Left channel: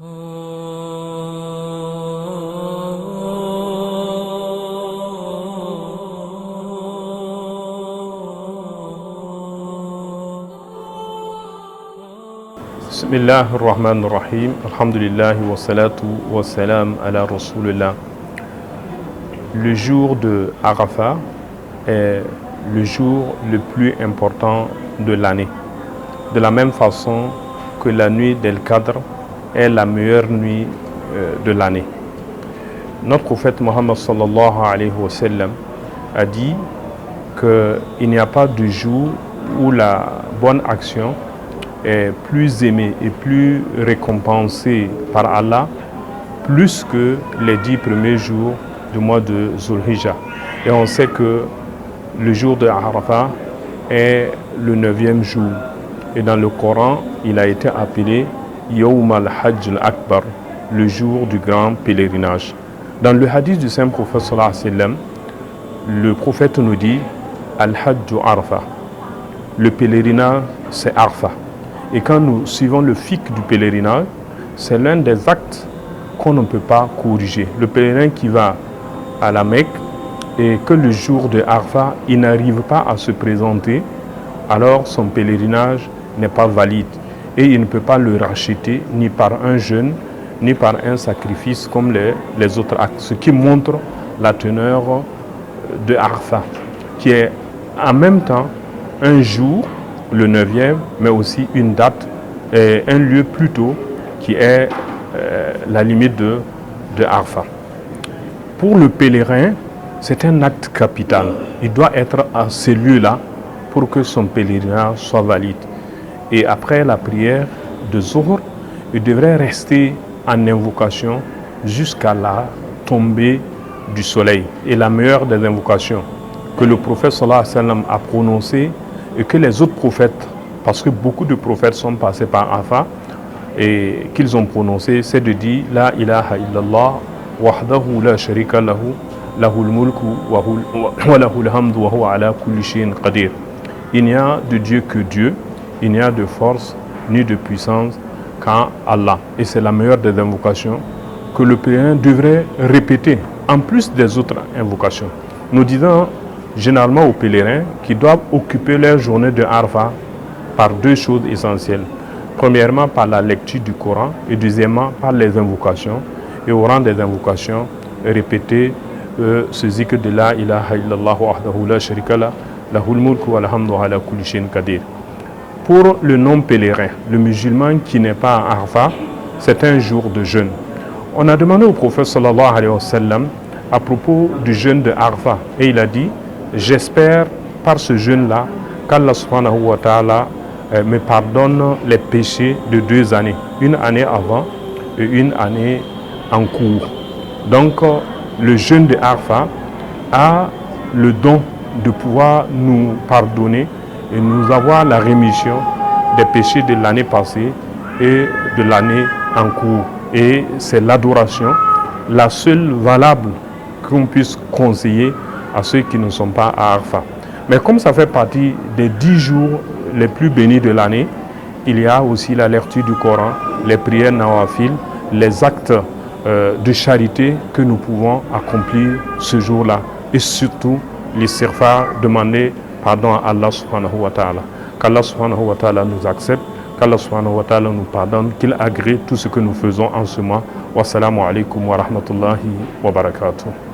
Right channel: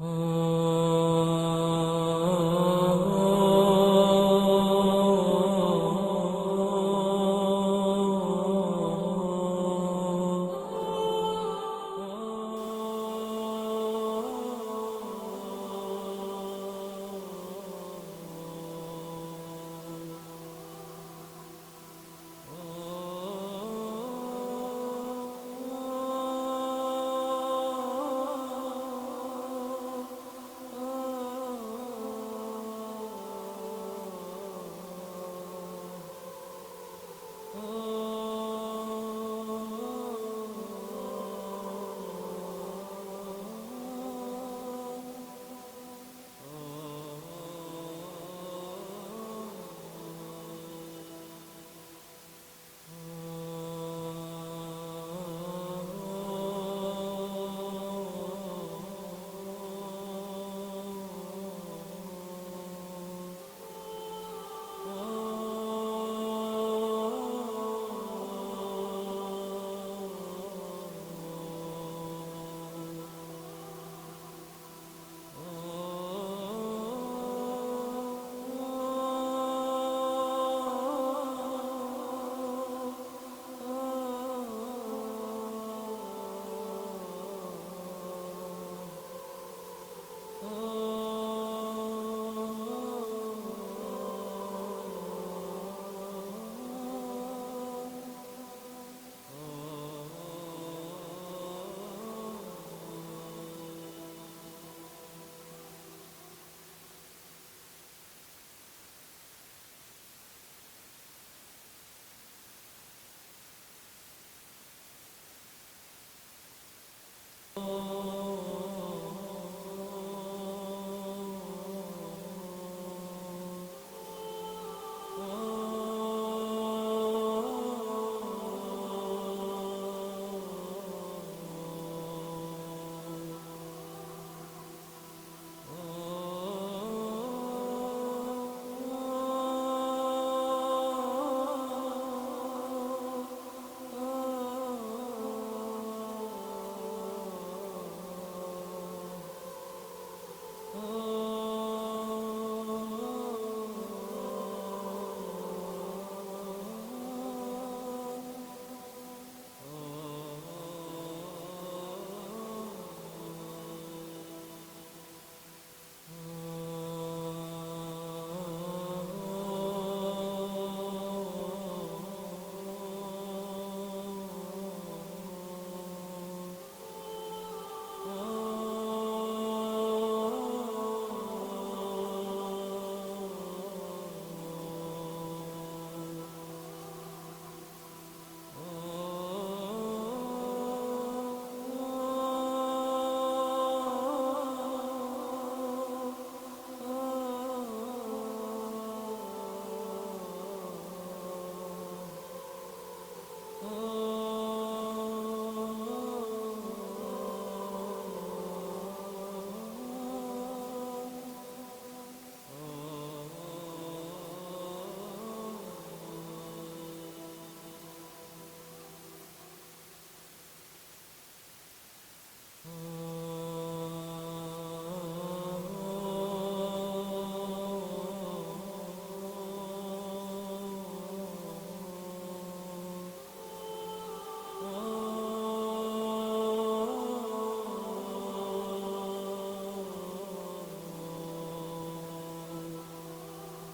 Bismillah ar-Rahman ar-Rahim, alhamdulillah wa salatu wa salam ala Rasulullah. Le jour de Arafat est le jour le plus important de l'année. De la même façon que la nuit d'El-Qadr est la meilleure nuit de l'année. Notre prophète Mohammed sallallahu alayhi wa sallam a dit qu'il n'y a pas de jour où la bonne action est plus aimée et plus récompensée par Allah plus que les 10 premiers jours du mois de Zulhijjah. Et on sait que le jour de Arafat est le 9e jour. Et dans le Coran, il a été appelé Yawm al-Hajj al-Akbar, le jour du grand pèlerinage. Dans le hadith du Saint Prophète sallallahu alayhi wa sallam, le prophète nous dit Al-Hajj Arafat. Le pèlerinage, c'est Arafat. Et quand nous suivons le fiqh du pèlerinage, c'est l'un des actes qu'on ne peut pas corriger. Le pèlerin qui va à la Mecque et que le jour de Arafat, il n'arrive pas à se présenter, alors son pèlerinage n'est pas valide. Et il ne peut pas le racheter ni par un jeûne, ni par un sacrifice comme les autres actes. Ce qui montre la teneur de Arafat, qui est en même temps un jour, le 9e, mais aussi une date et un lieu plus tôt qui est la limite de Arafat. Pour le pèlerin, c'est un acte capital. Il doit être à ce lieu-là pour que son pèlerinage soit valide. Et après la prière de Zuhr, il devrait rester en invocation jusqu'à la tombée du soleil. Et la meilleure des invocations que le prophète sallallahu alayhi wa sallam a prononcée et que les autres prophètes, parce que beaucoup de prophètes sont passés par Arafat et qu'ils ont prononcé, c'est de dire La ilaha illallah wahdahu la sharika lahu lahul mulku wa lahul hamdu wa huwa ala kulli shay'in qadir. Il n'y a de Dieu que Dieu, il n'y a de force ni de puissance qu'en Allah. Et c'est la meilleure des invocations que le pèlerin devrait répéter, en plus des autres invocations. Nous disons généralement aux pèlerins qu'ils doivent occuper leur journée de Arafat par deux choses essentielles. Premièrement, par la lecture du Coran et deuxièmement, par les invocations. Et au rang des invocations, répéter ce zikr de la ilaha illallah wahdahu la sharika lah lahul mulku wa alhamdu ala kulli shay'in qadir. Pour le non-pèlerin, le musulman qui n'est pas à Arafat, c'est un jour de jeûne. On a demandé au prophète sallallahu alayhi wa sallam à propos du jeûne de Arafat et il a dit j'espère par ce jeûne-là qu'Allah subhanahu wa ta'ala me pardonne les péchés de 2 années, une année avant et une année en cours. Donc le jeûne de Arafat a le don de pouvoir nous pardonner et nous avoir la rémission des péchés de l'année passée et de l'année en cours. Et c'est l'adoration, la seule valable qu'on puisse conseiller à ceux qui ne sont pas à Arafat. Mais comme ça fait partie des 10 jours les plus bénis de l'année, il y a aussi la lecture du Coran, les prières nawafil, les actes de charité que nous pouvons accomplir ce jour-là. Et surtout, l'istighfar, demander pardon à Allah subhanahu wa ta'ala. Qu'Allah subhanahu wa ta'ala nous accepte, qu'Allah subhanahu wa ta'ala nous pardonne, qu'il agrée tout ce que nous faisons en ce mois. Wassalamu alaikum wa rahmatullahi wa barakatuh.